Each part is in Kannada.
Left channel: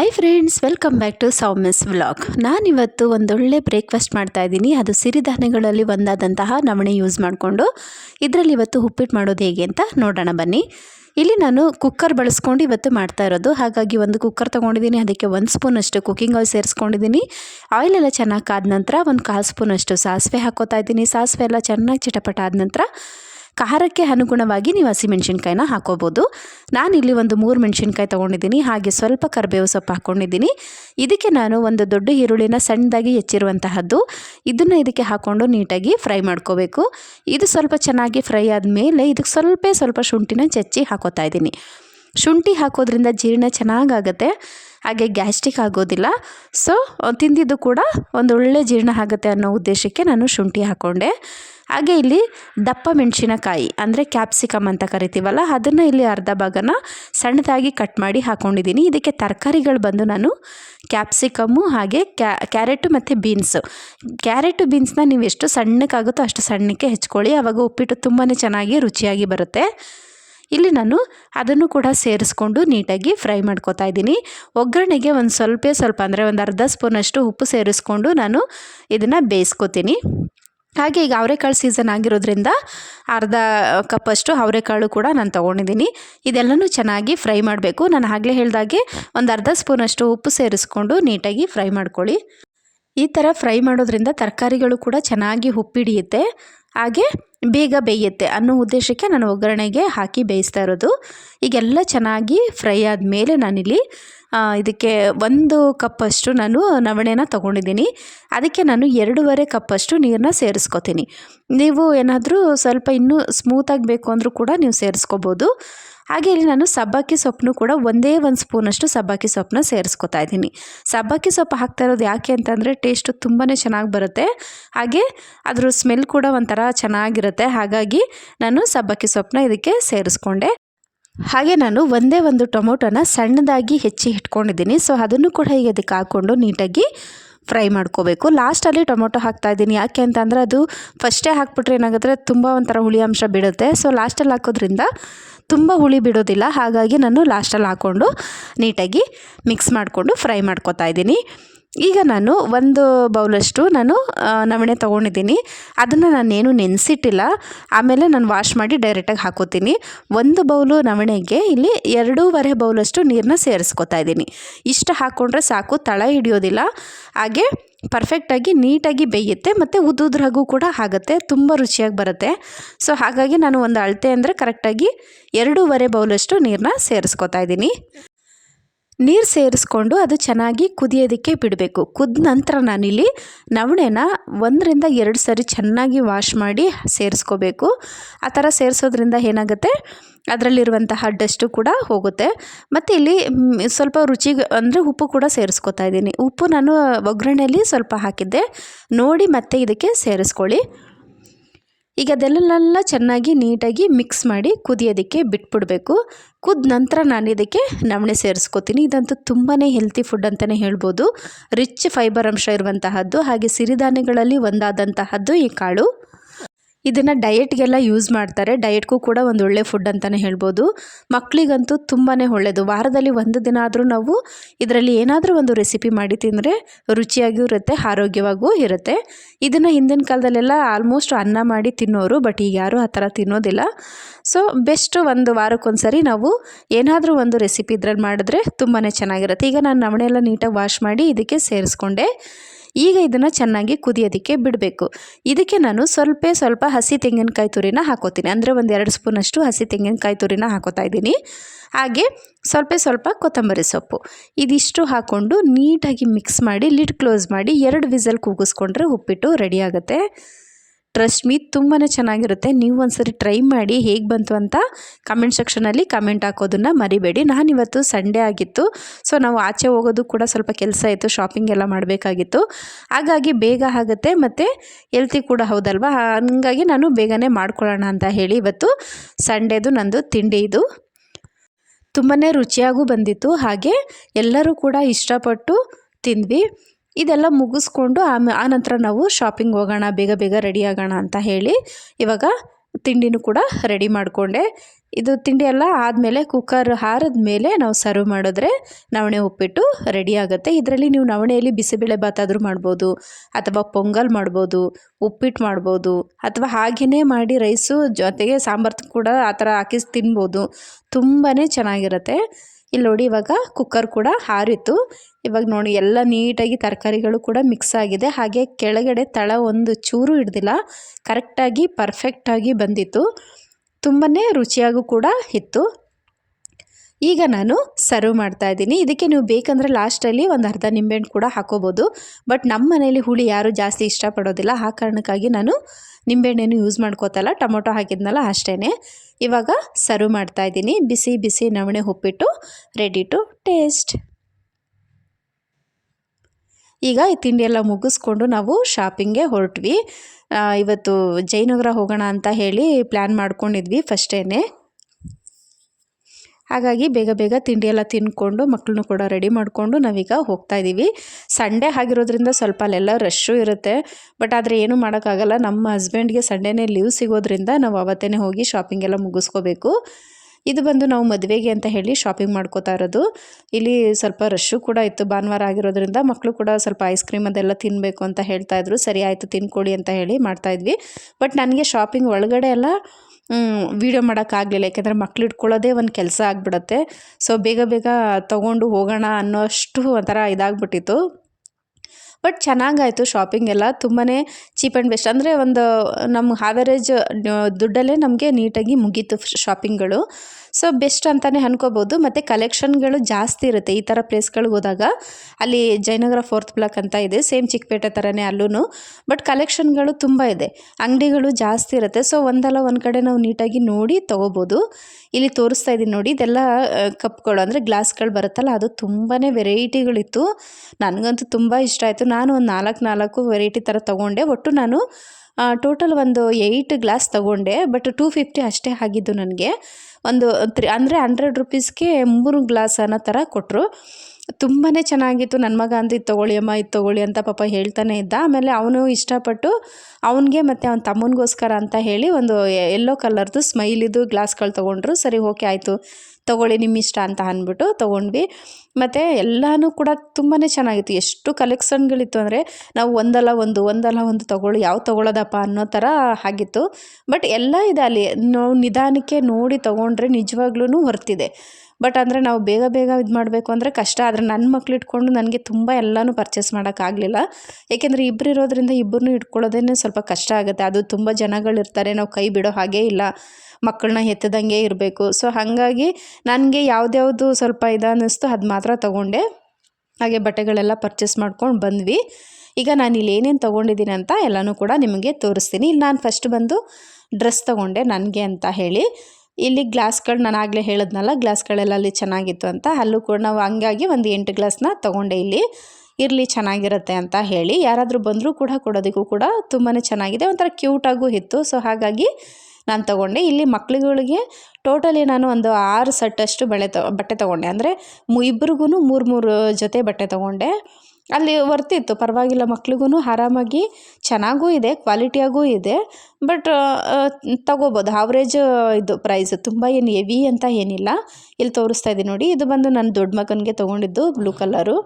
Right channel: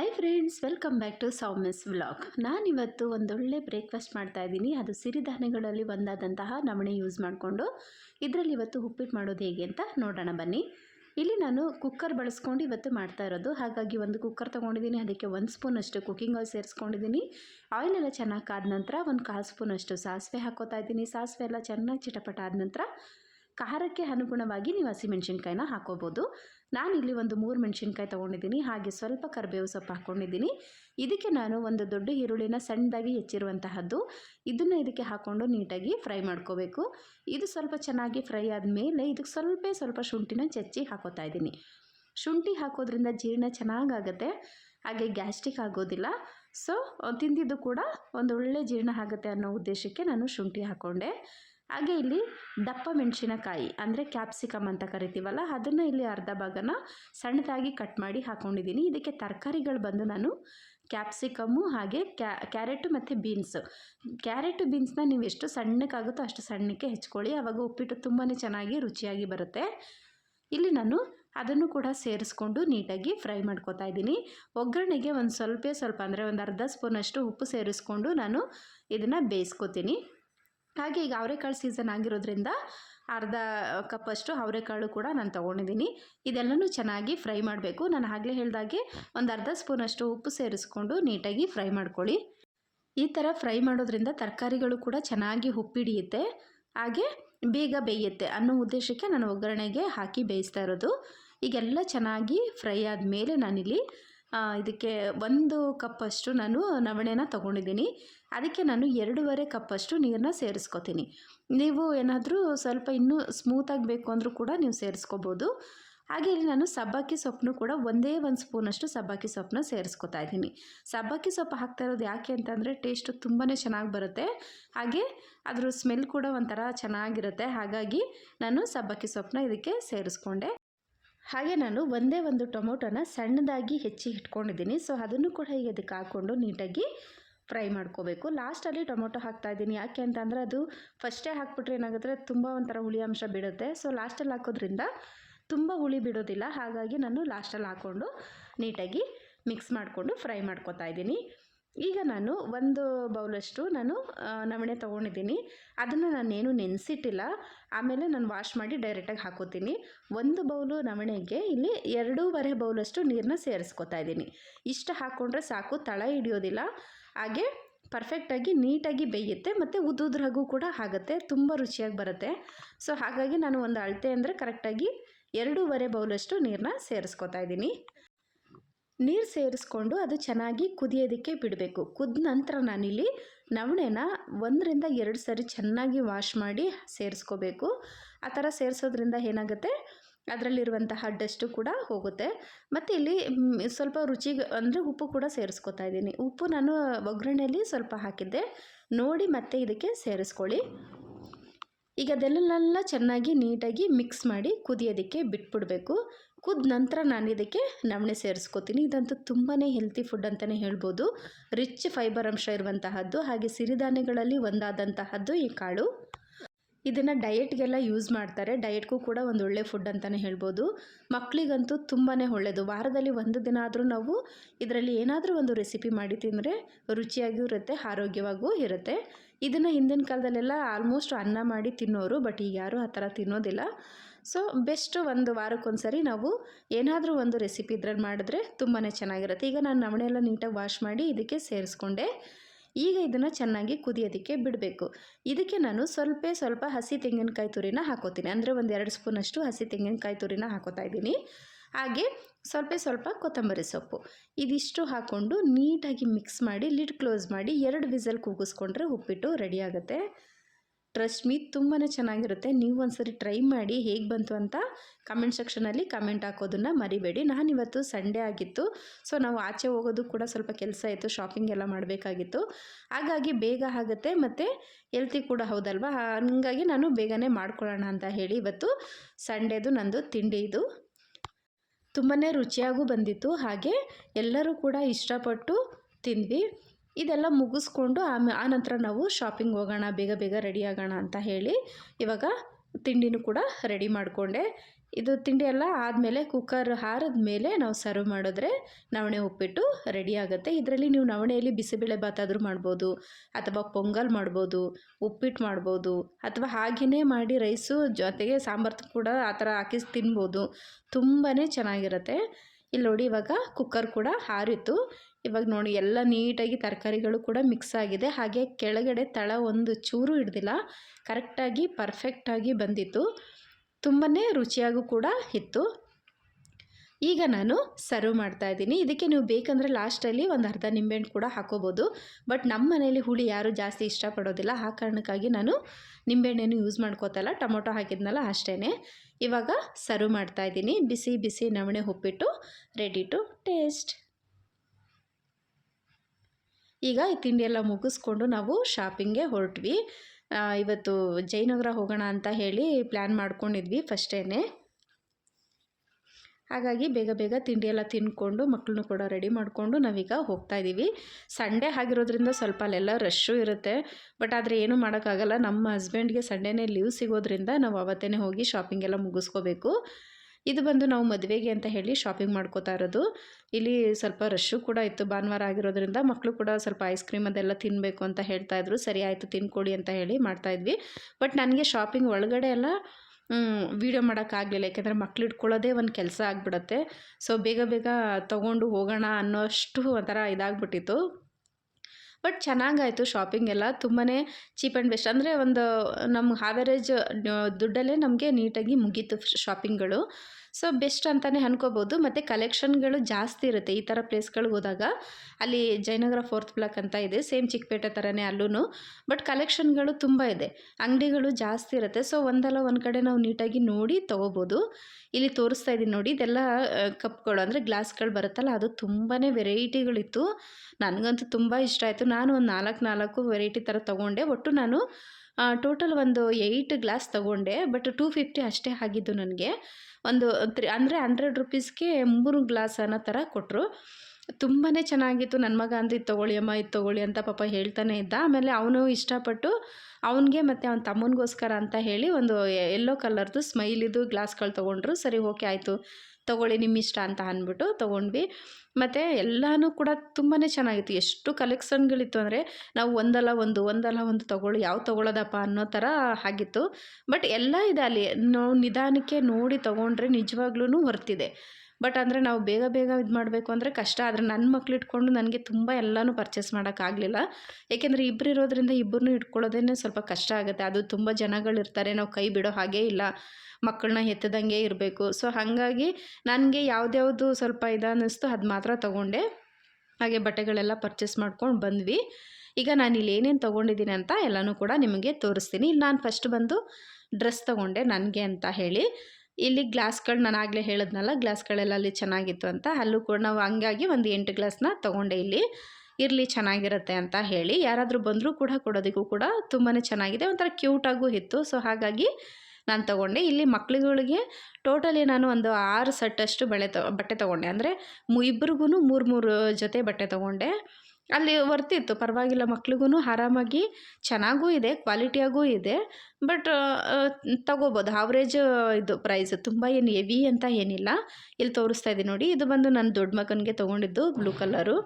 Hi friends, welcome back to Soumya's vlog. ನಾನಿವತ್ತು ಒಂದೊಳ್ಳೆ ಬ್ರೇಕ್ಫಾಸ್ಟ್ ಮಾಡ್ತಾ ಇದ್ದೀನಿ. ಅದು ಸಿರಿಧಾನ್ಯಗಳಲ್ಲಿ ಒಂದಾದಂತಹ ನವಣೆ ಯೂಸ್ ಮಾಡಿಕೊಂಡು ಇದರಲ್ಲಿ ಇವತ್ತು ಉಪ್ಪಿಟ್ಟು ಮಾಡೋದು ಹೇಗೆ ಅಂತ ನೋಡೋಣ ಬನ್ನಿ. ಇಲ್ಲಿ ನಾನು ಕುಕ್ಕರ್ ಬಳಸ್ಕೊಂಡು ಇವತ್ತು ಮಾಡ್ತಾ ಇರೋದು. ಹಾಗಾಗಿ ಒಂದು ಕುಕ್ಕರ್ ತೊಗೊಂಡಿದ್ದೀನಿ. ಅದಕ್ಕೆ 1 ಸ್ಪೂನಷ್ಟು ಕುಕ್ಕಿಂಗ್ ಆಯಿಲ್ ಸೇರಿಸ್ಕೊಂಡಿದ್ದೀನಿ. ಆಯಿಲೆಲ್ಲ ಚೆನ್ನಾಗಿ ಕಾದ ನಂತರ 1/4 ಸ್ಪೂನಷ್ಟು ಸಾಸಿವೆ ಹಾಕೋತಾ ಇದ್ದೀನಿ. ಸಾಸಿವೆ ಎಲ್ಲ ಚೆನ್ನಾಗಿ ಚಿಟಪಟ ಆದ ನಂತರ ಖಾರಕ್ಕೆ ಅನುಗುಣವಾಗಿ ನೀವು ಹಸಿಮೆಣ್ಸಿನ್ಕಾಯಿನ ಹಾಕೋಬೋದು. ನಾನಿಲ್ಲಿ ಒಂದು 3 ಮೆಣಸಿನ್ಕಾಯಿ ತೊಗೊಂಡಿದ್ದೀನಿ. ಹಾಗೆ ಸ್ವಲ್ಪ ಕರಿಬೇವು ಸೊಪ್ಪು ಹಾಕ್ಕೊಂಡಿದ್ದೀನಿ. ಇದಕ್ಕೆ ನಾನು ಒಂದು ದೊಡ್ಡ ಈರುಳ್ಳಿನ ಸಣ್ಣದಾಗಿ ಹೆಚ್ಚಿರುವಂತಹದ್ದು ಇದನ್ನು ಇದಕ್ಕೆ ಹಾಕ್ಕೊಂಡು ನೀಟಾಗಿ ಫ್ರೈ ಮಾಡ್ಕೋಬೇಕು. ಇದು ಸ್ವಲ್ಪ ಚೆನ್ನಾಗಿ ಫ್ರೈ ಆದಮೇಲೆ ಇದಕ್ಕೆ ಸ್ವಲ್ಪ ಶುಂಠಿನ ಚಚ್ಚಿ ಹಾಕೋತಾ ಇದ್ದೀನಿ. ಶುಂಠಿ ಹಾಕೋದ್ರಿಂದ ಜೀರ್ಣ ಚೆನ್ನಾಗಾಗುತ್ತೆ, ಹಾಗೆ ಗ್ಯಾಸ್ಟ್ರಿಕ್ ಆಗೋದಿಲ್ಲ. ಸೊ ತಿಂದಿದ್ದು ಕೂಡ ಒಂದೊಳ್ಳೆ ಜೀರ್ಣ ಆಗುತ್ತೆ ಅನ್ನೋ ಉದ್ದೇಶಕ್ಕೆ ನಾನು ಶುಂಠಿ ಹಾಕ್ಕೊಂಡೆ. ಹಾಗೆ ಇಲ್ಲಿ ದಪ್ಪ ಮೆಣಸಿನಕಾಯಿ ಅಂದರೆ ಕ್ಯಾಪ್ಸಿಕಮ್ ಅಂತ ಕರಿತೀವಲ್ಲ, ಅದನ್ನು ಇಲ್ಲಿ ಅರ್ಧ ಭಾಗನ ಸಣ್ಣದಾಗಿ ಕಟ್ ಮಾಡಿ ಹಾಕ್ಕೊಂಡಿದ್ದೀನಿ. ಇದಕ್ಕೆ ತರಕಾರಿಗಳು ಬಂದು ನಾನು ಕ್ಯಾಪ್ಸಿಕಮ್ಮು ಹಾಗೆ ಕ್ಯಾರೆಟು ಮತ್ತು ಬೀನ್ಸ್ನ ನೀವು ಎಷ್ಟು ಸಣ್ಣಕ್ಕಾಗುತ್ತೋ ಅಷ್ಟು ಸಣ್ಣಕ್ಕೆ ಹೆಚ್ಕೊಳ್ಳಿ. ಆವಾಗ ಉಪ್ಪಿಟ್ಟು ತುಂಬಾ ಚೆನ್ನಾಗಿ ರುಚಿಯಾಗಿ ಬರುತ್ತೆ. ಇಲ್ಲಿ ನಾನು ಅದನ್ನು ಕೂಡ ಸೇರಿಸ್ಕೊಂಡು ನೀಟಾಗಿ ಫ್ರೈ ಮಾಡ್ಕೊತಾ ಇದ್ದೀನಿ. ಒಗ್ಗರಣೆಗೆ ಒಂದು ಸ್ವಲ್ಪ ಅಂದರೆ ಒಂದು ಅರ್ಧ ಸ್ಪೂನಷ್ಟು ಉಪ್ಪು ಸೇರಿಸ್ಕೊಂಡು ನಾನು ಇದನ್ನು ಬೇಯಿಸ್ಕೊತೀನಿ. ಹಾಗೆ ಈಗ ಅವರೆಕಾಳು ಸೀಸನ್ ಆಗಿರೋದ್ರಿಂದ ಅರ್ಧ ಕಪ್ಪಷ್ಟು ಅವರೆಕಾಳು ಕೂಡ ನಾನು ತೊಗೊಂಡಿದ್ದೀನಿ. ಇದೆಲ್ಲನೂ ಚೆನ್ನಾಗಿ ಫ್ರೈ ಮಾಡಬೇಕು. ನಾನು ಆಗಲೇ ಹೇಳಿದಾಗೆ ಒಂದು ಅರ್ಧ ಸ್ಪೂನಷ್ಟು ಉಪ್ಪು ಸೇರಿಸ್ಕೊಂಡು ನೀಟಾಗಿ ಫ್ರೈ ಮಾಡ್ಕೊಳ್ಳಿ. ಈ ಥರ ಫ್ರೈ ಮಾಡೋದ್ರಿಂದ ತರಕಾರಿಗಳು ಕೂಡ ಚೆನ್ನಾಗಿ ಉಪ್ಪಿಡಿಯುತ್ತೆ, ಹಾಗೆ ಬೇಗ ಬೇಯುತ್ತೆ ಅನ್ನೋ ಉದ್ದೇಶಕ್ಕೆ ನಾನು ಒಗ್ಗರಣೆಗೆ ಹಾಕಿ ಬೇಯಿಸ್ತಾ ಇರೋದು. ಈಗೆಲ್ಲ ಚೆನ್ನಾಗಿ ಫ್ರೈ ಆದಮೇಲೆ ನಾನಿಲ್ಲಿ ಇದಕ್ಕೆ 1 ಕಪ್ಪಷ್ಟು ನಾನು ನವಣೆನ ತೊಗೊಂಡಿದ್ದೀನಿ. ಅದಕ್ಕೆ ನಾನು 2.5 ಕಪ್ಪಷ್ಟು ನೀರನ್ನ ಸೇರಿಸ್ಕೊತೀನಿ. ನೀವು ಏನಾದರೂ ಸ್ವಲ್ಪ ಇನ್ನೂ ಸ್ಮೂತಾಗಿ ಬೇಕು ಅಂದರೂ ಕೂಡ ನೀವು ಸೇರಿಸ್ಕೋಬೋದು. ಹಾಗೆ ಇಲ್ಲಿ ನಾನು ಸಬ್ಬಕ್ಕಿ ಸೊಪ್ಪನ್ನು ಕೂಡ ಒಂದೇ 1 ಸ್ಪೂನಷ್ಟು ಸಬ್ಬಕ್ಕಿ ಸೊಪ್ಪನ್ನ ಸೇರಿಸ್ಕೊತಾ ಇದ್ದೀನಿ. ಸಬ್ಬಕ್ಕಿ ಸೊಪ್ಪು ಹಾಕ್ತಾ ಇರೋದು ಯಾಕೆ ಅಂತಂದರೆ ಟೇಸ್ಟು ತುಂಬಾ ಚೆನ್ನಾಗಿ ಬರುತ್ತೆ, ಹಾಗೆ ಅದ್ರ ಸ್ಮೆಲ್ ಕೂಡ ಒಂಥರ ಚೆನ್ನಾಗಿರುತ್ತೆ. ಹಾಗಾಗಿ ನಾನು ಸಬ್ಬಕ್ಕಿ ಸೊಪ್ಪನ್ನ ಇದಕ್ಕೆ ಸೇರಿಸ್ಕೊಂಡೆ. ಹಾಗೆ ನಾನು ಒಂದೇ ಒಂದು ಟೊಮೊಟೊನ ಸಣ್ಣದಾಗಿ ಹೆಚ್ಚಿ ಇಟ್ಕೊಂಡಿದ್ದೀನಿ. ಸೊ ಅದನ್ನು ಕೂಡ ಈಗ ಅದಕ್ಕೆ ಹಾಕ್ಕೊಂಡು ನೀಟಾಗಿ ಫ್ರೈ ಮಾಡ್ಕೋಬೇಕು. ಲಾಸ್ಟಲ್ಲಿ ಟೊಮೊಟೊ ಹಾಕ್ತಾಯಿದ್ದೀನಿ. ಯಾಕೆ ಅಂತಂದರೆ ಅದು ಫಸ್ಟೇ ಹಾಕ್ಬಿಟ್ರೆ ಏನಾಗುತ್ತೆ, ತುಂಬ ಒಂಥರ ಹುಳಿ ಅಂಶ ಬಿಡುತ್ತೆ. ಸೊ ಲಾಸ್ಟಲ್ಲಿ ಹಾಕೋದ್ರಿಂದ ತುಂಬ ಹುಳಿ ಬಿಡೋದಿಲ್ಲ. ಹಾಗಾಗಿ ನಾನು ಲಾಸ್ಟಲ್ಲಿ ಹಾಕ್ಕೊಂಡು ನೀಟಾಗಿ ಮಿಕ್ಸ್ ಮಾಡಿಕೊಂಡು ಫ್ರೈ ಮಾಡ್ಕೊತಾ ಇದ್ದೀನಿ. ಈಗ ನಾನು 1 ಬೌಲಷ್ಟು ನವಣೆ ತೊಗೊಂಡಿದ್ದೀನಿ. ಅದನ್ನು ನಾನೇನು ನೆನೆಸಿಟ್ಟಿಲ್ಲ, ಆಮೇಲೆ ನಾನು ವಾಶ್ ಮಾಡಿ ಡೈರೆಕ್ಟಾಗಿ ಹಾಕೋತೀನಿ. 1 ಬೌಲು ನವಣೆಗೆ ಇಲ್ಲಿ 2.5 ಬೌಲಷ್ಟು ನೀರನ್ನ ಸೇರಿಸ್ಕೊತಾ ಇದ್ದೀನಿ. ಇಷ್ಟು ಹಾಕ್ಕೊಂಡ್ರೆ ಸಾಕು, ತಳ ಹಿಡಿಯೋದಿಲ್ಲ, ಹಾಗೆ ಪರ್ಫೆಕ್ಟಾಗಿ ನೀಟಾಗಿ ಬೇಯುತ್ತೆ ಮತ್ತು ಉದ್ದುದ್ರಾಗೂ ಕೂಡ ಆಗುತ್ತೆ, ತುಂಬ ರುಚಿಯಾಗಿ ಬರುತ್ತೆ. ಸೊ ಹಾಗಾಗಿ ನಾನು ಒಂದು ಅಳತೆ ಅಂದರೆ ಕರೆಕ್ಟಾಗಿ 2.5 ಬೌಲಷ್ಟು ನೀರನ್ನ ಸೇರಿಸ್ಕೊತಾ ಇದ್ದೀನಿ. ನೀರು ಸೇರಿಸ್ಕೊಂಡು ಅದು ಚೆನ್ನಾಗಿ ಕುದಿಯೋದಕ್ಕೆ ಬಿಡಬೇಕು. ಕುದ ನಂತರ ನಾನಿಲ್ಲಿ ನವಣೆನ 1 ರಿಂದ 2 ಸರಿ ಚೆನ್ನಾಗಿ ವಾಶ್ ಮಾಡಿ ಸೇರಿಸ್ಕೋಬೇಕು. ಆ ಥರ ಸೇರಿಸೋದ್ರಿಂದ ಏನಾಗುತ್ತೆ, ಅದರಲ್ಲಿರುವಂತಹ ಡಸ್ಟು ಕೂಡ ಹೋಗುತ್ತೆ. ಮತ್ತು ಇಲ್ಲಿ ಸ್ವಲ್ಪ ರುಚಿಗೆ ಅಂದರೆ ಉಪ್ಪು ಕೂಡ ಸೇರಿಸ್ಕೊತಾ ಇದ್ದೀನಿ. ಉಪ್ಪು ನಾನು ಒಗ್ಗರಣೆಯಲ್ಲಿ ಸ್ವಲ್ಪ ಹಾಕಿದ್ದೆ, ನೋಡಿ ಮತ್ತೆ ಇದಕ್ಕೆ ಸೇರಿಸ್ಕೊಳ್ಳಿ. ಈಗ ಅದೆಲ್ಲ ಚೆನ್ನಾಗಿ ನೀಟಾಗಿ ಮಿಕ್ಸ್ ಮಾಡಿ ಕುದಿಯೋದಕ್ಕೆ ಬಿಟ್ಬಿಡಬೇಕು. ಕುದ ನಂತರ ನಾನು ಇದಕ್ಕೆ ನವಣೆ ಸೇರಿಸ್ಕೋತೀನಿ. ಇದಂತೂ ತುಂಬಾ ಹೆಲ್ತಿ ಫುಡ್ ಅಂತಲೇ ಹೇಳ್ಬೋದು. ರಿಚ್ ಫೈಬರ್ ಅಂಶ ಇರುವಂತಹದ್ದು, ಹಾಗೆ ಸಿರಿಧಾನ್ಯಗಳಲ್ಲಿ ಒಂದಾದಂತಹದ್ದು ಈ ಕಾಳು. ಇದನ್ನು ಡಯೆಟ್ಗೆಲ್ಲ ಯೂಸ್ ಮಾಡ್ತಾರೆ. ಡಯೆಟ್ಗೂ ಕೂಡ ಒಂದು ಒಳ್ಳೆ ಫುಡ್ ಅಂತಲೇ ಹೇಳ್ಬೋದು. ಮಕ್ಕಳಿಗಂತೂ ತುಂಬಾ ಒಳ್ಳೆಯದು. ವಾರದಲ್ಲಿ 1 ದಿನ ಆದರೂ ನಾವು ಇದರಲ್ಲಿ ಏನಾದರೂ ಒಂದು ರೆಸಿಪಿ ಮಾಡಿ ತಿಂದರೆ ರುಚಿಯಾಗಿಯೂ ಇರುತ್ತೆ, ಆರೋಗ್ಯವಾಗೂ ಇರುತ್ತೆ. ಇದನ್ನು ಹಿಂದಿನ ಕಾಲದಲ್ಲೆಲ್ಲ ಆಲ್ಮೋಸ್ಟ್ ಅನ್ನ ಮಾಡಿ ತಿನ್ನೋರು, ಬಟ್ ಈಗ ಯಾರೂ ಆ ಥರ ತಿನ್ನೋದಿಲ್ಲ. ಸೊ ಬೆಸ್ಟು 1 ವಾರಕ್ಕೊಂದ್ಸರಿ ನಾವು ಏನಾದರೂ ಒಂದು ರೆಸಿಪಿ ಇದ್ರಲ್ಲಿ ಮಾಡಿದ್ರೆ ತುಂಬಾ ಚೆನ್ನಾಗಿರುತ್ತೆ. ಈಗ ನಾನು ನವಣೆ ಎಲ್ಲ ನೀಟಾಗಿ ವಾಶ್ ಮಾಡಿ ಇದಕ್ಕೆ ಸೇರಿಸ್ಕೊಂಡೆ. ಈಗ ಇದನ್ನು ಚೆನ್ನಾಗಿ ಕುದಿಯೋದಕ್ಕೆ ಬಿಡಬೇಕು. ಇದಕ್ಕೆ ನಾನು ಸ್ವಲ್ಪ ಹಸಿ ತೆಂಗಿನಕಾಯಿ ತುರಿನ ಹಾಕೋತೀನಿ. ಅಂದರೆ ಒಂದು 2 ಸ್ಪೂನಷ್ಟು ಹಸಿ ತೆಂಗಿನಕಾಯಿ ತುರಿನ ಹಾಕೋತಾ ಇದ್ದೀನಿ. ಹಾಗೆ ಸ್ವಲ್ಪ ಕೊತ್ತಂಬರಿ ಸೊಪ್ಪು, ಇದಿಷ್ಟು ಹಾಕ್ಕೊಂಡು ನೀಟಾಗಿ ಮಿಕ್ಸ್ ಮಾಡಿ ಲಿಡ್ ಕ್ಲೋಸ್ ಮಾಡಿ 2 ವಿಸಲ್ ಕೂಗಿಸ್ಕೊಂಡ್ರೆ ಉಪ್ಪಿಟ್ಟು ರೆಡಿ ಆಗುತ್ತೆ. ಟ್ರಸ್ಟ್ ಮೀ, ತುಂಬಾ ಚೆನ್ನಾಗಿರುತ್ತೆ. ನೀವು ಒಂದ್ಸರಿ ಟ್ರೈ ಮಾಡಿ ಹೇಗೆ ಬಂತು ಅಂತ ಕಮೆಂಟ್ ಸೆಕ್ಷನಲ್ಲಿ ಕಮೆಂಟ್ ಹಾಕೋದನ್ನು ಮರಿಬೇಡಿ. ನಾನಿವತ್ತು ಸಂಡೇ ಆಗಿತ್ತು, ಸೊ ನಾವು ಆಚೆ ಹೋಗೋದು ಕೂಡ ಸ್ವಲ್ಪ ಕೆಲಸ ಇತ್ತು, ಶಾಪಿಂಗ್ ಎಲ್ಲ ಮಾಡಬೇಕಾಗಿತ್ತು. ಹಾಗಾಗಿ ಬೇಗ ಆಗುತ್ತೆ ಮತ್ತು ಹೆಲ್ತಿ ಕೂಡ ಹೌದಲ್ವ, ಹಾಗಾಗಿ ನಾನು ಬೇಗನೆ ಮಾಡ್ಕೊಳ್ಳೋಣ ಅಂತ ಹೇಳಿ ಇವತ್ತು ಸಂಡೇದು ನಂದು ತಿಂಡಿ ಇದು. ತುಂಬಾ ರುಚಿಯಾಗೂ ಬಂದಿತ್ತು, ಹಾಗೆ ಎಲ್ಲರೂ ಕೂಡ ಇಷ್ಟಪಟ್ಟು ತಿಂದ್ವಿ. ಇದೆಲ್ಲ ಮುಗಿಸ್ಕೊಂಡು ಆನಂತರ ನಾವು ಶಾಪಿಂಗ್ ಹೋಗೋಣ, ಬೇಗ ರೆಡಿ ಆಗೋಣ ಅಂತ ಹೇಳಿ ಇವಾಗ ತಿಂಡಿನೂ ಕೂಡ ರೆಡಿ ಮಾಡಿಕೊಂಡೆ. ಇದು ತಿಂಡಿ ಎಲ್ಲ ಆದಮೇಲೆ ಕುಕ್ಕರ್ ಆರಿದ ಮೇಲೆ ನಾವು ಸರ್ವ್ ಮಾಡಿದ್ರೆ ನವಣೆ ಉಪ್ಪಿಟ್ಟು ರೆಡಿ ಆಗುತ್ತೆ. ಇದರಲ್ಲಿ ನೀವು ನವಣೆಯಲ್ಲಿ ಬಿಸಿಬೇಳೆ ಬಾತಾದರೂ ಮಾಡ್ಬೋದು, ಅಥವಾ ಪೊಂಗಲ್ ಮಾಡ್ಬೋದು, ಉಪ್ಪಿಟ್ಟು ಮಾಡ್ಬೋದು, ಅಥವಾ ಹಾಗೆಯೇ ಮಾಡಿ ರೈಸು ಜೊತೆಗೆ ಸಾಂಬಾರು ಕೂಡ ಆ ಥರ ಹಾಕಿ ತಿನ್ಬೋದು. ತುಂಬಾ ಚೆನ್ನಾಗಿರುತ್ತೆ. ಇಲ್ಲಿ ನೋಡಿ ಇವಾಗ ಕುಕ್ಕರ್ ಕೂಡ ಆರಿತು. ಇವಾಗ ನೋಡಿ ಎಲ್ಲ ನೀಟಾಗಿ ತರಕಾರಿಗಳು ಕೂಡ ಮಿಕ್ಸ್ ಆಗಿದೆ. ಹಾಗೆ ಕೆಳಗಡೆ ತಳ ಒಂದು ಚೂರು ಹಿಡ್ದಿಲ್ಲ, ಕರೆಕ್ಟಾಗಿ ಪರ್ಫೆಕ್ಟಾಗಿ ಬಂದಿತ್ತು. ತುಂಬಾ ರುಚಿಯಾಗೂ ಕೂಡ ಇತ್ತು. ಈಗ ನಾನು ಸರ್ವ್ ಮಾಡ್ತಾಯಿದ್ದೀನಿ. ಇದಕ್ಕೆ ನೀವು ಬೇಕಂದರೆ ಲಾಸ್ಟಲ್ಲಿ ಒಂದು ಅರ್ಧ ನಿಂಬೆಹಣ್ಣು ಕೂಡ ಹಾಕೋಬೋದು. ಬಟ್ ನಮ್ಮ ಮನೇಲಿ ಹುಳಿ ಯಾರೂ ಜಾಸ್ತಿ ಇಷ್ಟಪಡೋದಿಲ್ಲ, ಆ ಕಾರಣಕ್ಕಾಗಿ ನಾನು ನಿಂಬೆಹಣ್ಣೇನು ಯೂಸ್ ಮಾಡ್ಕೋತಲ್ಲ, ಟೊಮೊಟೊ ಹಾಕಿದ್ನಲ್ಲ ಅಷ್ಟೇ. ಇವಾಗ ಸರ್ವ್ ಮಾಡ್ತಾಯಿದ್ದೀನಿ. ಬಿಸಿ ಬಿಸಿ ನವಣೆ ಉಪ್ಪಿಟ್ಟು ರೆಡಿ ಟು ಟೇಸ್ಟ್. ಈಗ ಈ ತಿಂಡಿ ಎಲ್ಲ ಮುಗಿಸ್ಕೊಂಡು ನಾವು ಶಾಪಿಂಗ್ಗೆ ಹೊರಟ್ವಿ. ಇವತ್ತು ಜಯನಗರ ಹೋಗೋಣ ಅಂತ ಹೇಳಿ ಪ್ಲ್ಯಾನ್ ಮಾಡ್ಕೊಂಡಿದ್ವಿ ಫಸ್ಟೇ. ಹಾಗಾಗಿ ಬೇಗ ಬೇಗ ತಿಂಡಿ ಎಲ್ಲ ತಿಂದ್ಕೊಂಡು ಮಕ್ಕಳನ್ನು ಕೂಡ ರೆಡಿ ಮಾಡಿಕೊಂಡು ನಾವೀಗ ಹೋಗ್ತಾಯಿದ್ದೀವಿ. ಸಂಡೇ ಆಗಿರೋದ್ರಿಂದ ಸ್ವಲ್ಪ ಅಲ್ಲೆಲ್ಲ ರಶ್ಶು ಇರುತ್ತೆ. ಬಟ್ ಆದರೆ ಏನೂ ಮಾಡೋಕ್ಕಾಗಲ್ಲ, ನಮ್ಮ ಹಸ್ಬೆಂಡ್ಗೆ ಸಂಡೇನೇ ಲೀವ್ ಸಿಗೋದ್ರಿಂದ ನಾವು ಅವತ್ತೇ ಹೋಗಿ ಶಾಪಿಂಗ್ ಎಲ್ಲ ಮುಗಿಸ್ಕೋಬೇಕು. ಇದು ಬಂದು ನಾವು ಮದುವೆಗೆ ಅಂತ ಹೇಳಿ ಶಾಪಿಂಗ್ ಮಾಡ್ಕೋತಾ ಇರೋದು. ಇಲ್ಲಿ ಸ್ವಲ್ಪ ರಶ್ಶು ಕೂಡ ಇತ್ತು, ಭಾನುವಾರ ಆಗಿರೋದ್ರಿಂದ ಮಕ್ಕಳು ಕೂಡ ಸ್ವಲ್ಪ ಐಸ್ ಕ್ರೀಮ್ ಅದೆಲ್ಲ ತಿನ್ನಬೇಕು ಅಂತ ಹೇಳ್ತಾಯಿದ್ರು. ಸರಿ ಆಯಿತು ತಿನ್ಕೊಳ್ಳಿ ಅಂತ ಹೇಳಿ ಮಾಡ್ತಾಯಿದ್ವಿ. ಬಟ್ ನನಗೆ ಶಾಪಿಂಗ್ ಒಳಗಡೆ ಎಲ್ಲ ವೀಡಿಯೋ ಮಾಡೋಕ್ಕಾಗಲಿಲ್ಲ, ಯಾಕೆಂದರೆ ಮಕ್ಳು ಇಟ್ಕೊಳ್ಳೋದೇ ಒಂದು ಕೆಲಸ ಆಗಿಬಿಡುತ್ತೆ. ಸೊ ಬೇಗ ಬೇಗ ತೊಗೊಂಡು ಹೋಗೋಣ ಅನ್ನೋಷ್ಟು ಒಂಥರ ಇದಾಗ್ಬಿಟ್ಟಿತ್ತು. ಬಟ್ ಚೆನ್ನಾಗಾಯಿತು ಶಾಪಿಂಗ್ ಎಲ್ಲ, ತುಂಬಾ ಚೀಪ್ ಆ್ಯಂಡ್ ಬೆಸ್ಟ್. ಅಂದರೆ ಒಂದು ನಮ್ಮ ಆವರೇಜ್ ದುಡ್ಡಲ್ಲೇ ನಮಗೆ ನೀಟಾಗಿ ಮುಗೀತು ಶಾಪಿಂಗ್ಗಳು. ಸೊ ಬೆಸ್ಟ್ ಅಂತಲೇ ಅನ್ಕೋಬೋದು. ಮತ್ತು ಕಲೆಕ್ಷನ್ಗಳು ಜಾಸ್ತಿ ಇರುತ್ತೆ ಈ ಥರ ಪ್ಲೇಸ್ಗಳಿಗೆ ಹೋದಾಗ. ಅಲ್ಲಿ ಜಯನಗರ 4th ಬ್ಲಾಕ್ ಅಂತ ಇದೆ, ಸೇಮ್ ಚಿಕ್ಕಪೇಟೆ ಥರನೇ ಅಲ್ಲೂ. ಬಟ್ ಕಲೆಕ್ಷನ್ಗಳು ತುಂಬ ಇದೆ, ಅಂಗಡಿಗಳು ಜಾಸ್ತಿ ಇರುತ್ತೆ. ಸೊ ಒಂದಲ್ಲ ಒಂದು ಕಡೆ ನಾವು ನೀಟಾಗಿ ನೋಡಿ ತೊಗೋಬೋದು. ಇಲ್ಲಿ ತೋರಿಸ್ತಾ ಇದ್ದೀನಿ ನೋಡಿ, ಇದೆಲ್ಲ ಕಪ್ಗಳು ಅಂದರೆ ಗ್ಲಾಸ್ಗಳು ಬರುತ್ತಲ್ಲ, ಅದು ತುಂಬಾ ವೆರೈಟಿಗಳಿತ್ತು. ನನಗಂತೂ ತುಂಬ ಇಷ್ಟ ಆಯಿತು. ನಾನು ಒಂದು 4 ವೆರೈಟಿ ಥರ ತೊಗೊಂಡೆ. ಒಟ್ಟು ನಾನು ಟೋಟಲ್ ಒಂದು 8 ಗ್ಲಾಸ್ ತೊಗೊಂಡೆ. ಬಟ್ 250 ಅಷ್ಟೇ ಆಗಿದ್ದು ನನಗೆ. ಒಂದು ಅಂದರೆ 100 ರೂಪೀಸ್ಗೆ 3 ಗ್ಲಾಸ್ ಅನ್ನೋ ಥರ ಕೊಟ್ಟರು. ತುಂಬಾ ಚೆನ್ನಾಗಿತ್ತು. ನನ್ನ ಮಗ ಅಂದು ಇದು ತೊಗೊಳ್ಳಿ ಅಮ್ಮ, ಇದು ತೊಗೊಳ್ಳಿ ಅಂತ ಪಾಪ ಹೇಳ್ತಾನೆ ಇದ್ದ. ಆಮೇಲೆ ಅವನು ಇಷ್ಟಪಟ್ಟು ಅವನಿಗೆ ಮತ್ತು ಅವನ ತಮ್ಮನಿಗೋಸ್ಕರ ಅಂತ ಹೇಳಿ ಒಂದು ಯೆಲ್ಲೋ ಕಲರ್ದು ಸ್ಮೈಲಿದು ಗ್ಲಾಸ್ಗಳು ತೊಗೊಂಡ್ರು. ಸರಿ ಓಕೆ ಆಯಿತು ತೊಗೊಳ್ಳಿ ನಿಮ್ಮ ಇಷ್ಟ ಅಂತ ಅಂದ್ಬಿಟ್ಟು ತೊಗೊಂಡ್ವಿ. ಮತ್ತು ಎಲ್ಲನೂ ಕೂಡ ತುಂಬಾ ಚೆನ್ನಾಗಿತ್ತು. ಎಷ್ಟು ಕಲೆಕ್ಷನ್ಗಳಿತ್ತು ಅಂದರೆ ನಾವು ಒಂದಲ್ಲ ಒಂದು ತೊಗೊಳ್ಳಿ, ಯಾವ ತೊಗೊಳ್ಳೋದಪ್ಪ ಅನ್ನೋ ಥರ ಆಗಿತ್ತು. ಬಟ್ ಎಲ್ಲ ಇದೆ ಅಲ್ಲಿ, ನಾವು ನಿಧಾನಕ್ಕೆ ನೋಡಿ ತೊಗೊಂಡ್ರೆ ನಿಜವಾಗ್ಲೂ ಹೊರ್ತಿದೆ. ಬಟ್ ಅಂದರೆ ನಾವು ಬೇಗ ಬೇಗ ಇದು ಮಾಡಬೇಕು ಅಂದರೆ ಕಷ್ಟ. ಆದರೆ ನನ್ನ ಮಕ್ಳು ಇಟ್ಕೊಂಡು ನನಗೆ ತುಂಬ ಎಲ್ಲನೂ ಪರ್ಚೇಸ್ ಮಾಡೋಕ್ಕಾಗಲಿಲ್ಲ. ಏಕೆಂದರೆ ಇಬ್ಬರು ಇರೋದ್ರಿಂದ ಇಬ್ಬರನ್ನೂ ಇಟ್ಕೊಳ್ಳೋದೇ ಸ್ವಲ್ಪ ಕಷ್ಟ ಆಗುತ್ತೆ. ಅದು ತುಂಬ ಜನಗಳಿರ್ತಾರೆ, ನಾವು ಕೈ ಬಿಡೋ ಹಾಗೇ ಇಲ್ಲ, ಮಕ್ಕಳನ್ನ ಎತ್ತದಂಗೆ ಇರಬೇಕು. ಸೊ ಹಾಗಾಗಿ ನನಗೆ ಯಾವ್ದ್ಯಾವುದು ಸ್ವಲ್ಪ ಅನ್ನಿಸ್ತು ಅದು ಮಾತ್ರ ತೊಗೊಂಡೆ. ಹಾಗೆ ಬಟ್ಟೆಗಳೆಲ್ಲ ಪರ್ಚೇಸ್ ಮಾಡ್ಕೊಂಡು ಬಂದ್ವಿ. ಈಗ ನಾನು ಇಲ್ಲಿ ಏನೇನು ತೊಗೊಂಡಿದ್ದೀನಿ ಅಂತ ಎಲ್ಲನೂ ಕೂಡ ನಿಮಗೆ ತೋರಿಸ್ತೀನಿ. ಇಲ್ಲಿ ನಾನು ಫಸ್ಟ್ ಬಂದು ಡ್ರೆಸ್ ತೊಗೊಂಡೆ ನನಗೆ ಅಂತ ಹೇಳಿ. ಇಲ್ಲಿ ಗ್ಲಾಸ್ಗಳು ನಾನು ಆಗಲೇ ಹೇಳಿದ್ನಲ್ಲ, ಗ್ಲಾಸ್ಗಳೆಲ್ಲ ಅಲ್ಲಿ ಚೆನ್ನಾಗಿತ್ತು ಅಂತ, ಅಲ್ಲೂ ಕೂಡ ನಾವು ಹಂಗಾಗಿ ಒಂದು 8 ಗ್ಲಾಸ್ನ ತೊಗೊಂಡೆ. ಇಲ್ಲಿ ಇರಲಿ ಚೆನ್ನಾಗಿರುತ್ತೆ ಅಂತ ಹೇಳಿ, ಯಾರಾದರೂ ಬಂದರೂ ಕೂಡ ಕೊಡೋದಕ್ಕೂ ಕೂಡ ತುಂಬಾ ಚೆನ್ನಾಗಿದೆ, ಒಂಥರ ಕ್ಯೂಟಾಗೂ ಇತ್ತು. ಸೊ ಹಾಗಾಗಿ ನಾನು ತೊಗೊಂಡೆ. ಇಲ್ಲಿ ಮಕ್ಳುಗಳಿಗೆ ಟೋಟಲಿ ನಾನು ಒಂದು 6 ಸೆಟ್ಟಷ್ಟು ಬಟ್ಟೆ ತೊಗೊಂಡೆ. ಅಂದರೆ ಇಬ್ರಿಗೂ 3 ಜೊತೆ ಬಟ್ಟೆ ತೊಗೊಂಡೆ. ಅಲ್ಲಿ ವರ್ತಿತ್ತು, ಪರವಾಗಿಲ್ಲ. ಮಕ್ಳಿಗೂ ಆರಾಮಾಗಿ ಚೆನ್ನಾಗೂ ಇದೆ, ಕ್ವಾಲಿಟಿಯಾಗೂ ಇದೆ. ಬಟ್ ತೊಗೋಬೋದು, ಆವ್ರೇಜ್ ಇದು ಪ್ರೈಸ್, ತುಂಬ ಏನು ಹೆವಿ ಅಂತ ಏನಿಲ್ಲ. ಇಲ್ಲಿ ತೋರಿಸ್ತಾ ಇದ್ದೀನಿ ನೋಡಿ, ಇದು ಬಂದು ನನ್ನ ದೊಡ್ಡ ಮಗನಿಗೆ ತೊಗೊಂಡಿದ್ದು ಬ್ಲೂ ಕಲರು.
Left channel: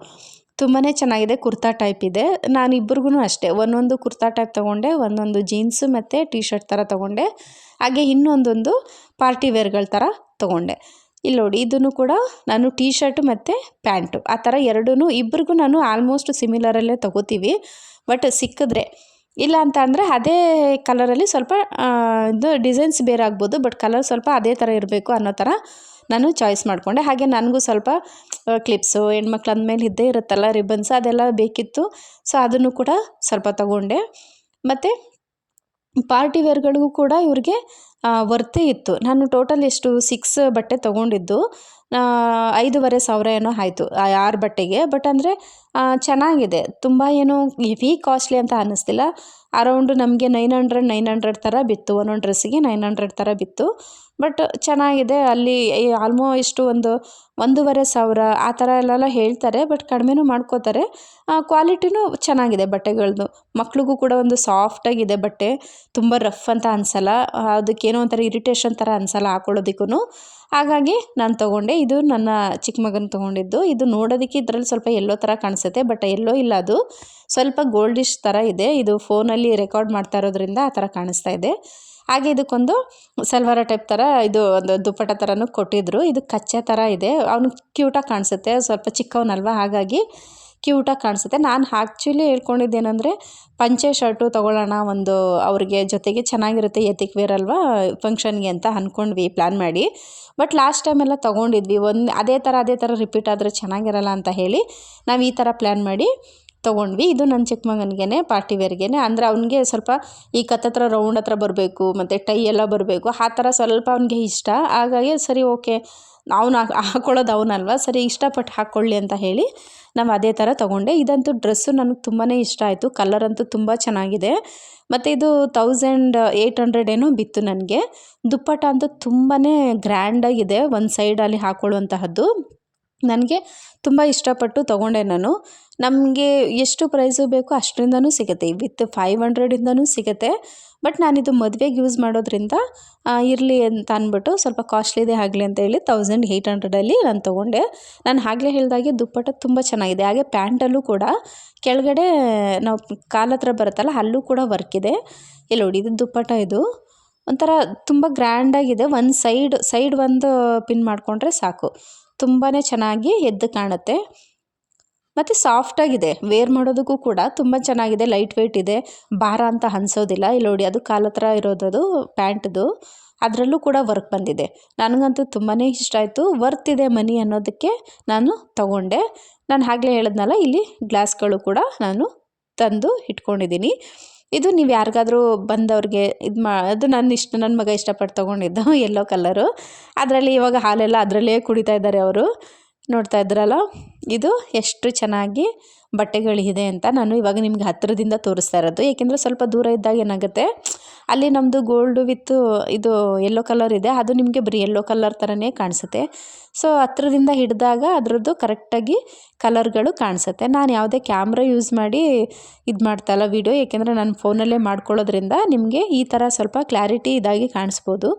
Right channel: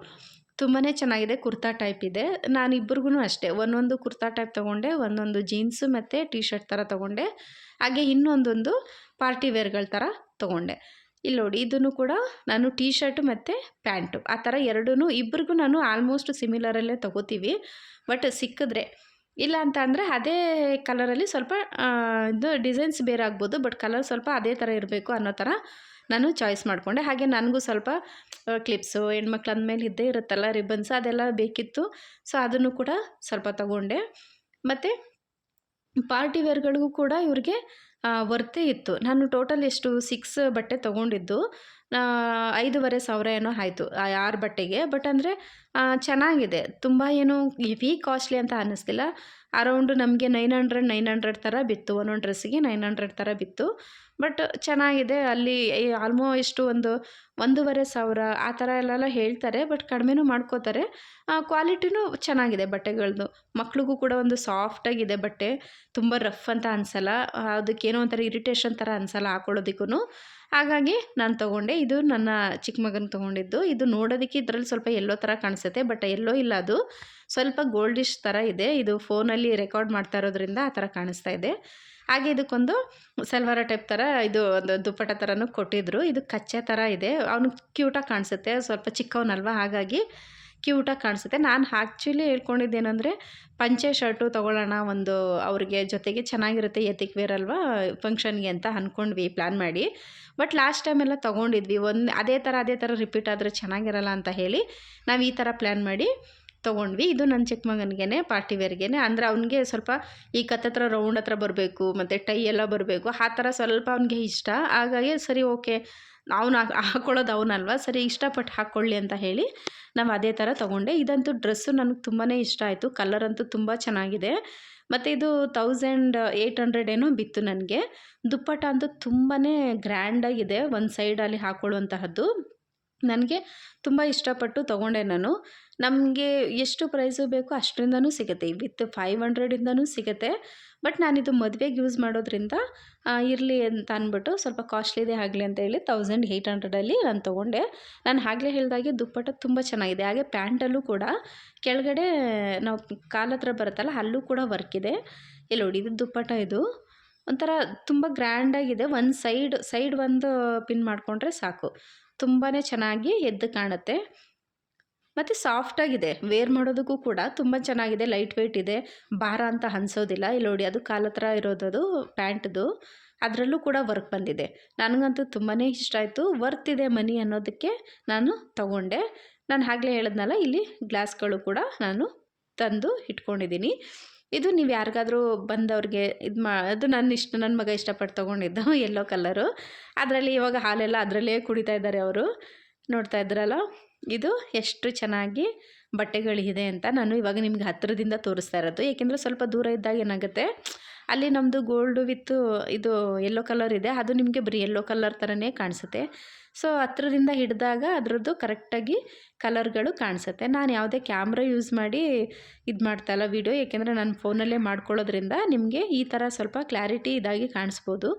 ತುಂಬಾ ಚೆನ್ನಾಗಿದೆ, ಕುರ್ತಾ ಟೈಪ್ ಇದೆ. ನಾನು ಇಬ್ಬರಿಗೂ ಅಷ್ಟೇ ಒಂದೊಂದು ಕುರ್ತಾ ಟೈಪ್ ತೊಗೊಂಡೆ, ಒಂದೊಂದು ಜೀನ್ಸು ಮತ್ತು ಟೀ ಶರ್ಟ್ ಥರ ತೊಗೊಂಡೆ. ಹಾಗೆ ಇನ್ನೊಂದೊಂದು ಪಾರ್ಟಿ ವೇರ್ಗಳ ಥರ ತೊಗೊಂಡೆ. ಇಲ್ಲಿ ನೋಡಿ, ಇದನ್ನು ಕೂಡ ನಾನು ಟೀ ಶರ್ಟ್ ಮತ್ತು ಪ್ಯಾಂಟು ಆ ಥರ ಎರಡೂ ಇಬ್ಬರಿಗೂ ನಾನು ಆಲ್ಮೋಸ್ಟ್ ಸಿಮಿಲರಲ್ಲೇ ತೊಗೋತೀವಿ. ಬಟ್ ಸಿಕ್ಕಿದ್ರೆ, ಇಲ್ಲ ಅಂತ ಅಂದರೆ ಅದೇ ಕಲರಲ್ಲಿ ಸ್ವಲ್ಪ ಇದು ಡಿಸೈನ್ಸ್ ಬೇರೆ ಆಗ್ಬೋದು, ಬಟ್ ಕಲರ್ ಸ್ವಲ್ಪ ಅದೇ ಥರ ಇರಬೇಕು ಅನ್ನೋ ಥರ ನಾನು ಚಾಯ್ಸ್ ಮಾಡಿಕೊಂಡೆ. ಹಾಗೆ ನನಗೂ ಸ್ವಲ್ಪ ಕ್ಲಿಪ್ಸು, ಹೆಣ್ಮಕ್ಳು ಅಂದಮೇಲೆ ಇದ್ದೇ ಇರುತ್ತಲ್ಲ, ರಿಬ್ಬನ್ಸ್ ಅದೆಲ್ಲ ಬೇಕಿತ್ತು. ಸೊ ಅದನ್ನು ಕೂಡ ಸ್ವಲ್ಪ ತೊಗೊಂಡೆ. ಮತ್ತು ಪಾರ್ಟಿ ವೇರ್ಗಳಿಗೂ ಕೂಡ ಇವ್ರಿಗೆ ವರ್ತೆ ಇತ್ತು. ನಾನು ಟೋಟಲ್ ಎಷ್ಟು 6 ಬಟ್ಟೆ ತೊಗೊಂಡಿದ್ದು, 5,500 ಏನೋ ಆಯಿತು ಆ 6 ಬಟ್ಟೆಗೆ. ಬಟ್ ಅಂದರೆ ಚೆನ್ನಾಗಿದೆ, ತುಂಬ ಏನು ಹೆವಿ ಕಾಸ್ಟ್ಲಿ ಅಂತ ಅನ್ನಿಸ್ತಿಲ್ಲ. ಅರೌಂಡ್ ನಮಗೆ 900 ಥರ ಬಿತ್ತು, ಒಂದೊಂದು ಡ್ರೆಸ್ಸಿಗೆ 900 ಥರ ಬಿತ್ತು. ಬಟ್ ಚೆನ್ನಾಗಿದೆ. ಅಲ್ಲಿ ಆಲ್ಮೋಸ್ಟ್ ಒಂದು 1,500 ಆ ಥರ ಎಲ್ಲ ಹೇಳ್ತಾರೆ. ಬಟ್ ಕಡಿಮೆನೂ ಮಾಡ್ಕೋತಾರೆ. ಕ್ವಾಲಿಟಿನೂ ಚೆನ್ನಾಗಿದೆ ಬಟ್ಟೆಗಳದ್ದು. ಮಕ್ಳಿಗೂ ಕೂಡ ಒಂದು ಸಾಫ್ಟಾಗಿದೆ ಬಟ್ಟೆ. ತುಂಬ ರಫ್ ಅಂತ ಅನಿಸಲ್ಲ. ಅದಕ್ಕೇನೋ ಒಂಥರ ಇರಿಟೇಷನ್ ಥರ ಅನಿಸಲ್ಲ ಹಾಕೊಳ್ಳೋದಕ್ಕೂ. ಹಾಗಾಗಿ ನಾನು ತೊಗೊಂಡೆ. ಇದು ನನ್ನ ಚಿಕ್ಕ ಮಗನ ತೊಗೊಂಡಿದ್ದು. ಇದು ನೋಡೋದಕ್ಕೆ ಇದರಲ್ಲಿ ಸ್ವಲ್ಪ ಎಲ್ಲೋ ಥರ ಕಾಣಿಸುತ್ತೆ, ಬಟ್ ಎಲ್ಲೋ ಇಲ್ಲ, ಅದು ಸ್ವಲ್ಪ ಗೋಲ್ಡಿಶ್ ಥರ ಇದೆ. ಇದು ಫೋನಲ್ಲಿ ರೆಕಾರ್ಡ್ ಮಾಡ್ತಾ ಇರೋದ್ರಿಂದ ಆ ಥರ ಕಾಣಿಸ್ತಾ ಇದೆ. ಹಾಗೆ ಇದಕ್ಕೊಂದು ಸಲ್ವಾರ ಟೈಪ್ ಥರ ಇದು ಒಂದು ದುಪ್ಪಟ್ಟ ಥರನೂ ಕೊಟ್ಟಿದ್ದರು. ಇದು ಕಚ್ಚೆ ಥರ ಇದೆ. ಅವನು ಕ್ಯೂಟಾಗಿ ಕಾಣಿಸುತ್ತೆ, ಸ್ವಲ್ಪ ಚಿಕ್ಕವನಲ್ವ, ಹಾಗಾಗಿ ಕ್ಯೂಟಾಗಿ ಕಾಣಿಸುತ್ತೆ. ನಾನು ಆ್ಯಕ್ಚುಲಿ ಹೇಳ್ಕೊಂಡಿದ್ದೇನೆಂದರೆ ಪಂಚೆ ಶರ್ಟು ತೊಗೊಳ್ಳೋಣ, ಒಂದು ಅವ್ರಿಗೆ ಜೊತೆಗೆ ಚೆನ್ನಾಗಿರುತ್ತೆ, ಎತ್ತಿಕ್ ವೇರ್ ಅಲ್ವಾ ಫಂಕ್ಷನ್ಗೆ ಅಂತ ಅಂದ್ಕೊಂಡ್ವಿ ಪ್ಲ್ಯಾನ್ ಮಾಡಿ. ಬಟ್ ಲಾಸ್ಟ್ ಟೈಮೆಲ್ಲ ತೊಗೊಂಡಿದ್ವಿ. ಅದೇ ಥರ ರಿಪೀಟ್ ಆದರೆ ಚೆನ್ನಾಗಿರಲ್ಲ ಅಂತ ಹೇಳಿ ನಾವು ಈ ಥರ ಪ್ಲ್ಯಾನ್ ಮಾಡಿ ತೊಗೊಂಡ್ವಿ. ಇದು ನನ್ನ ಚಿಕ್ಕ ಮಗನಿಗೆ ಪಾರ್ಟಿ ವೇರ್ಗೆ, ಅಂದರೆ ಅವ್ನಿಗೆ ಸ್ವಲ್ಪ ಈ ಕತ್ತತ್ರ ರೌಂಡ್ ಹತ್ರ ಬರಬೇಕು ಮತ್ತು ಟೈ ಎಲ್ಲ ಬರಬೇಕು, ಆ ಥರ ಸ್ವಲ್ಪ ಅವ್ನಿಗೆ ಇಷ್ಟ. ಹಾಗಾಗಿ ಸರಿ ಓಕೆ, ಅವ್ನು ಹಾಕ್ಕೊಳ್ಳೋದು ಅವನಲ್ವ, ಸರಿ ಇಷ್ಟಪಟ್ಟು ಹಾಕ್ಕೊಳ್ಳಿ ಅಂತ ಹೇಳಿ ನಾವು ಅದೇ ಥರ ತೊಗೊಂಡೆ. ಇದಂತೂ ಡ್ರೆಸ್ಸು ನನಗೆ ತುಂಬಾ ಇಷ್ಟ ಆಯಿತು. ಕಲರ್ ಅಂತೂ ತುಂಬ ಚೆನ್ನಾಗಿದೆ. ಮತ್ತು ಇದು 1800 ಏನೋ ಬಿತ್ತು ನನಗೆ. ದುಪ್ಪಟ್ಟ ಅಂತೂ ತುಂಬಾ ಗ್ರ್ಯಾಂಡಾಗಿದೆ, ಒಂದು ಸೈಡಲ್ಲಿ ಹಾಕ್ಕೊಳ್ಳುವಂತಹದ್ದು. ನನಗೆ ತುಂಬ ಇಷ್ಟಪಟ್ಟು ತೊಗೊಂಡೆ ನಾನು. ನಮಗೆ ಎಷ್ಟು ಪ್ರೈಸು ಬೇಕೋ ಅಷ್ಟರಿಂದನೂ ಸಿಗುತ್ತೆ, ವಿತ್ 500ಇಂದನೂ ಸಿಗುತ್ತೆ. ಬಟ್ ನಾನಿದು ಮದುವೆಗೆ ಯೂಸ್ ಮಾಡೋದ್ರಿಂದ ಇರಲಿ ಅಂತ ಅಂದ್ಬಿಟ್ಟು ಸ್ವಲ್ಪ ಕಾಸ್ಟ್ಲಿದೇ ಆಗಲಿ ಅಂತ ಹೇಳಿ 1800ಅಲ್ಲಿ ನಾನು ತೊಗೊಂಡೆ. ನಾನು ಆಗಲೇ ಹೇಳಿದಾಗೆ ದುಪ್ಪಟ್ಟ ತುಂಬ ಚೆನ್ನಾಗಿದೆ. ಹಾಗೆ ಪ್ಯಾಂಟಲ್ಲೂ ಕೂಡ ಕೆಳಗಡೆ ನಾವು ಕಾಲತ್ರ ಬರುತ್ತಲ್ಲ, ಅಲ್ಲೂ ಕೂಡ ವರ್ಕ್ ಇದೆ. ಇಲ್ಲಿ ನೋಡಿ, ಇದು ದುಪ್ಪಟ್ಟ, ಇದು ಒಂಥರ ತುಂಬ ಗ್ರ್ಯಾಂಡಾಗಿದೆ. ಒಂದು ಸೈಡ್ ಒಂದು ಪಿನ್ ಮಾಡಿಕೊಂಡ್ರೆ ಸಾಕು, ತುಂಬಾ ಚೆನ್ನಾಗಿ ಎದ್ದು ಕಾಣುತ್ತೆ. ಮತ್ತು ಸಾಫ್ಟಾಗಿದೆ, ವೇರ್ ಮಾಡೋದಕ್ಕೂ ಕೂಡ ತುಂಬ ಚೆನ್ನಾಗಿದೆ. ಲೈಟ್ ವೆಯ್ಟ್ ಇದೆ, ಭಾರ ಅಂತ ಅನಿಸೋದಿಲ್ಲ. ಇಲ್ಲಿ ನೋಡಿ, ಅದು ಕಾಲತ್ರ ಇರೋದದು ಪ್ಯಾಂಟ್ದು, ಅದರಲ್ಲೂ ಕೂಡ ವರ್ಕ್ ಬಂದಿದೆ. ನನಗಂತೂ ತುಂಬಾ ಇಷ್ಟ ಆಯಿತು. ವರ್ತ್ ಇದೆ ಮನಿ ಅನ್ನೋದಕ್ಕೆ ನಾನು ತೊಗೊಂಡೆ. ನಾನು ಆಗಲೇ ಹೇಳಿದ್ನಲ್ಲ, ಇಲ್ಲಿ ಗ್ಲಾಸ್ಗಳು ಕೂಡ ನಾನು ತಂದು ಇಟ್ಕೊಂಡಿದ್ದೀನಿ. ಇದು ನೀವು ಯಾರಿಗಾದರೂ ಬಂದವ್ರಿಗೆ ಅದು ನನ್ನ ಮಗ ಇಷ್ಟಪಟ್ಟು ತೊಗೊಂಡಿದ್ದು ಯೆಲ್ಲೋ ಕಲರು. ಅದರಲ್ಲಿ ಇವಾಗ ಹಾಲೆಲ್ಲ ಅದರಲ್ಲೇ ಕುಡಿತಾ ಇದ್ದಾರೆ ಅವರು. ನೋಡ್ತಾ ಇದ್ರಲ್ಲ, ಇದು ಎಷ್ಟು ಚೆನ್ನಾಗಿ ಬಟ್ಟೆಗಳಿದೆ ಅಂತ ನಾನು ಇವಾಗ ನಿಮ್ಗೆ ಹತ್ತಿರದಿಂದ ತೋರಿಸ್ತಾ ಇರೋದು. ಏಕೆಂದರೆ ಸ್ವಲ್ಪ ದೂರ ಇದ್ದಾಗ ಏನಾಗುತ್ತೆ, ಅಲ್ಲಿ ನಮ್ಮದು ಗೋಲ್ಡು ವಿತ್ತು ಇದು ಯೆಲ್ಲೋ ಕಲರ್ ಇದೆ, ಅದು ನಿಮಗೆ ಬರೀ ಯೆಲ್ಲೋ ಕಲರ್ ಥರನೇ ಕಾಣಿಸುತ್ತೆ. ಸೊ ಹತ್ರದಿಂದ ಹಿಡಿದಾಗ ಅದರದ್ದು ಕರೆಕ್ಟಾಗಿ ಕಲರ್ಗಳು ಕಾಣಿಸುತ್ತೆ. ನಾನು ಯಾವುದೇ ಕ್ಯಾಮ್ರಾ ಯೂಸ್ ಮಾಡಿ ಇದು ಮಾಡ್ತಾಯಿಲ್ಲ ವೀಡಿಯೋ, ಏಕೆಂದರೆ ನಾನು ಫೋನಲ್ಲೇ ಮಾಡ್ಕೊಳ್ಳೋದ್ರಿಂದ ನಿಮಗೆ ಈ ಥರ ಸ್ವಲ್ಪ ಕ್ಲಾರಿಟಿ ಇದಾಗಿ ಕಾಣಿಸ್ಬೋದು.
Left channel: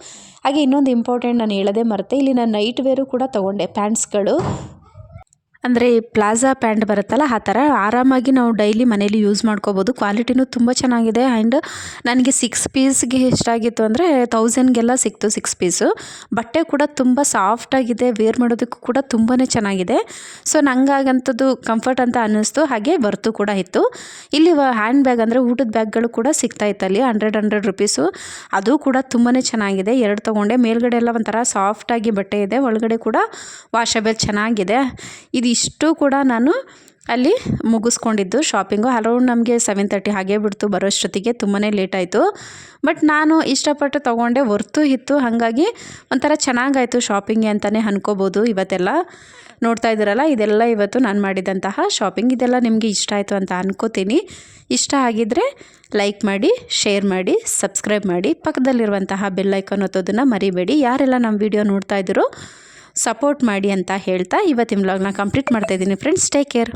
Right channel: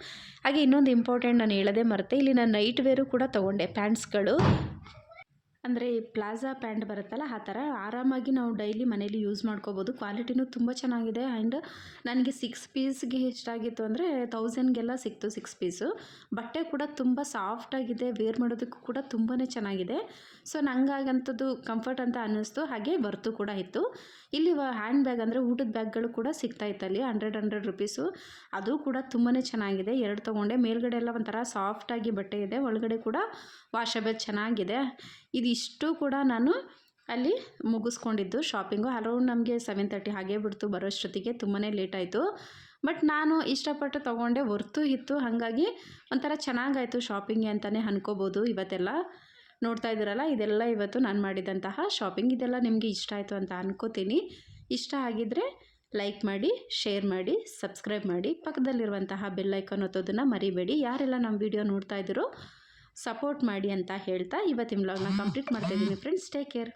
ಹಾಗೆ ಇನ್ನೊಂದು ಇಂಪಾರ್ಟೆಂಟ್ ನಾನು ಹೇಳೋದೇ ಮರೆತೆ, ಇಲ್ಲಿ ನಾನು ನೈಟ್ ವೇರು ಕೂಡ ತೊಗೊಂಡೆ, ಪ್ಯಾಂಟ್ಸ್ಗಳು. ಅಂದರೆ ಪ್ಲಾಜಾ ಪ್ಯಾಂಟ್ ಬರುತ್ತಲ್ಲ, ಆ ಥರ ಆರಾಮಾಗಿ ನಾವು ಡೈಲಿ ಮನೇಲಿ ಯೂಸ್ ಮಾಡ್ಕೋಬೋದು. ಕ್ವಾಲಿಟಿನೂ ತುಂಬ ಚೆನ್ನಾಗಿದೆ. ಆ್ಯಂಡ್ ನನಗೆ 6 ಪೀಸ್ಗೆ ಎಷ್ಟಾಗಿತ್ತು ಅಂದರೆ 1000ಗೆಲ್ಲ ಸಿಕ್ತು 6 ಪೀಸು. ಬಟ್ಟೆ ಕೂಡ ತುಂಬ ಸಾಫ್ಟಾಗಿದೆ, ವೇರ್ ಮಾಡೋದಕ್ಕೂ ಕೂಡ ತುಂಬಾ ಚೆನ್ನಾಗಿದೆ. ಸೊ ನಂಗಾಗಂಥದ್ದು ಕಂಫರ್ಟ್ ಅಂತ ಅನ್ನಿಸ್ತು. ಹಾಗೆ ವರ್ತು ಕೂಡ ಇತ್ತು. ಇಲ್ಲಿ ಹ್ಯಾಂಡ್ ಬ್ಯಾಗ್ ಅಂದರೆ ಊಟದ ಬ್ಯಾಗ್ಗಳು ಕೂಡ ಸಿಗ್ತಾಯಿತ್ತು ಅಲ್ಲಿ, 100 ರೂಪೀಸು. ಅದು ಕೂಡ ತುಂಬಾ ಚೆನ್ನಾಗಿದೆ. 2 ತೊಗೊಂಡೆ. ಮೇಲ್ಗಡೆ ಎಲ್ಲ ಒಂಥರ ಸಾಫ್ಟಾಗಿ ಬಟ್ಟೆ ಇದೆ, ಒಳಗಡೆ ಕೂಡ ವಾಷಬಲ್ ಚೆನ್ನಾಗಿದೆ. ಇದಿಷ್ಟು ಕೂಡ ನಾನು ಅಲ್ಲಿ ಮುಗಿಸ್ಕೊಂಡಿದ್ದು ಶಾಪಿಂಗು. ಅರೌಂಡ್ ನಮಗೆ 7:30 ಹಾಗೇ ಬಿಡ್ತು ಬರೋಷ್ಟೊತ್ತಿಗೆ, ತುಂಬಾ ಲೇಟ್ ಆಯಿತು. ಬಟ್ ನಾನು ಇಷ್ಟಪಟ್ಟು ತೊಗೊಂಡೆ, ವರ್ತು ಇತ್ತು. ಹಾಗಾಗಿ ಒಂಥರ ಚೆನ್ನಾಗಾಯಿತು ಶಾಪಿಂಗ್ಗೆ ಅಂತಲೇ ಅನ್ಕೋಬೋದು. ಇವತ್ತೆಲ್ಲ ನೋಡ್ತಾ ಇದ್ದೀರಲ್ಲ, ಇದೆಲ್ಲ ಇವತ್ತು ನಾನು ಮಾಡಿದಂತಹ ಶಾಪಿಂಗ್. ಇದೆಲ್ಲ ನಿಮಗೆ ಇಷ್ಟ ಆಯಿತು ಅಂತ ಅನ್ಕೋತೀನಿ. ಇಷ್ಟ ಆಗಿದ್ದರೆ ಲೈಕ್ ಮಾಡಿ, ಶೇರ್ ಮಾಡಿ, ಸಬ್ಸ್ಕ್ರೈಬ್ ಮಾಡಿ, ಪಕ್ಕದಲ್ಲಿರುವಂತಹ ಬೆಲ್ ಐಕಾನ್ ಒತ್ತೋದನ್ನು ಮರಿಬೇಡಿ. ಯಾರೆಲ್ಲ ನಮ್ಮ ವಿಡಿಯೋ ನೋಡ್ತಾ ಇದ್ದೀರೋ ಸಪೋರ್ಟ್ ಮಾಡಿ ಅಂತ ಹೇಳ್ತಾ ಇವತ್ತಿನ ವ್ಲಾಗ್ನ ಕಂಪ್ಲೀಟ್ ಮಾಡ್ತಾಯಿದ್ದೀನಿ ಫ್ರೆಂಡ್ಸ್. Take care.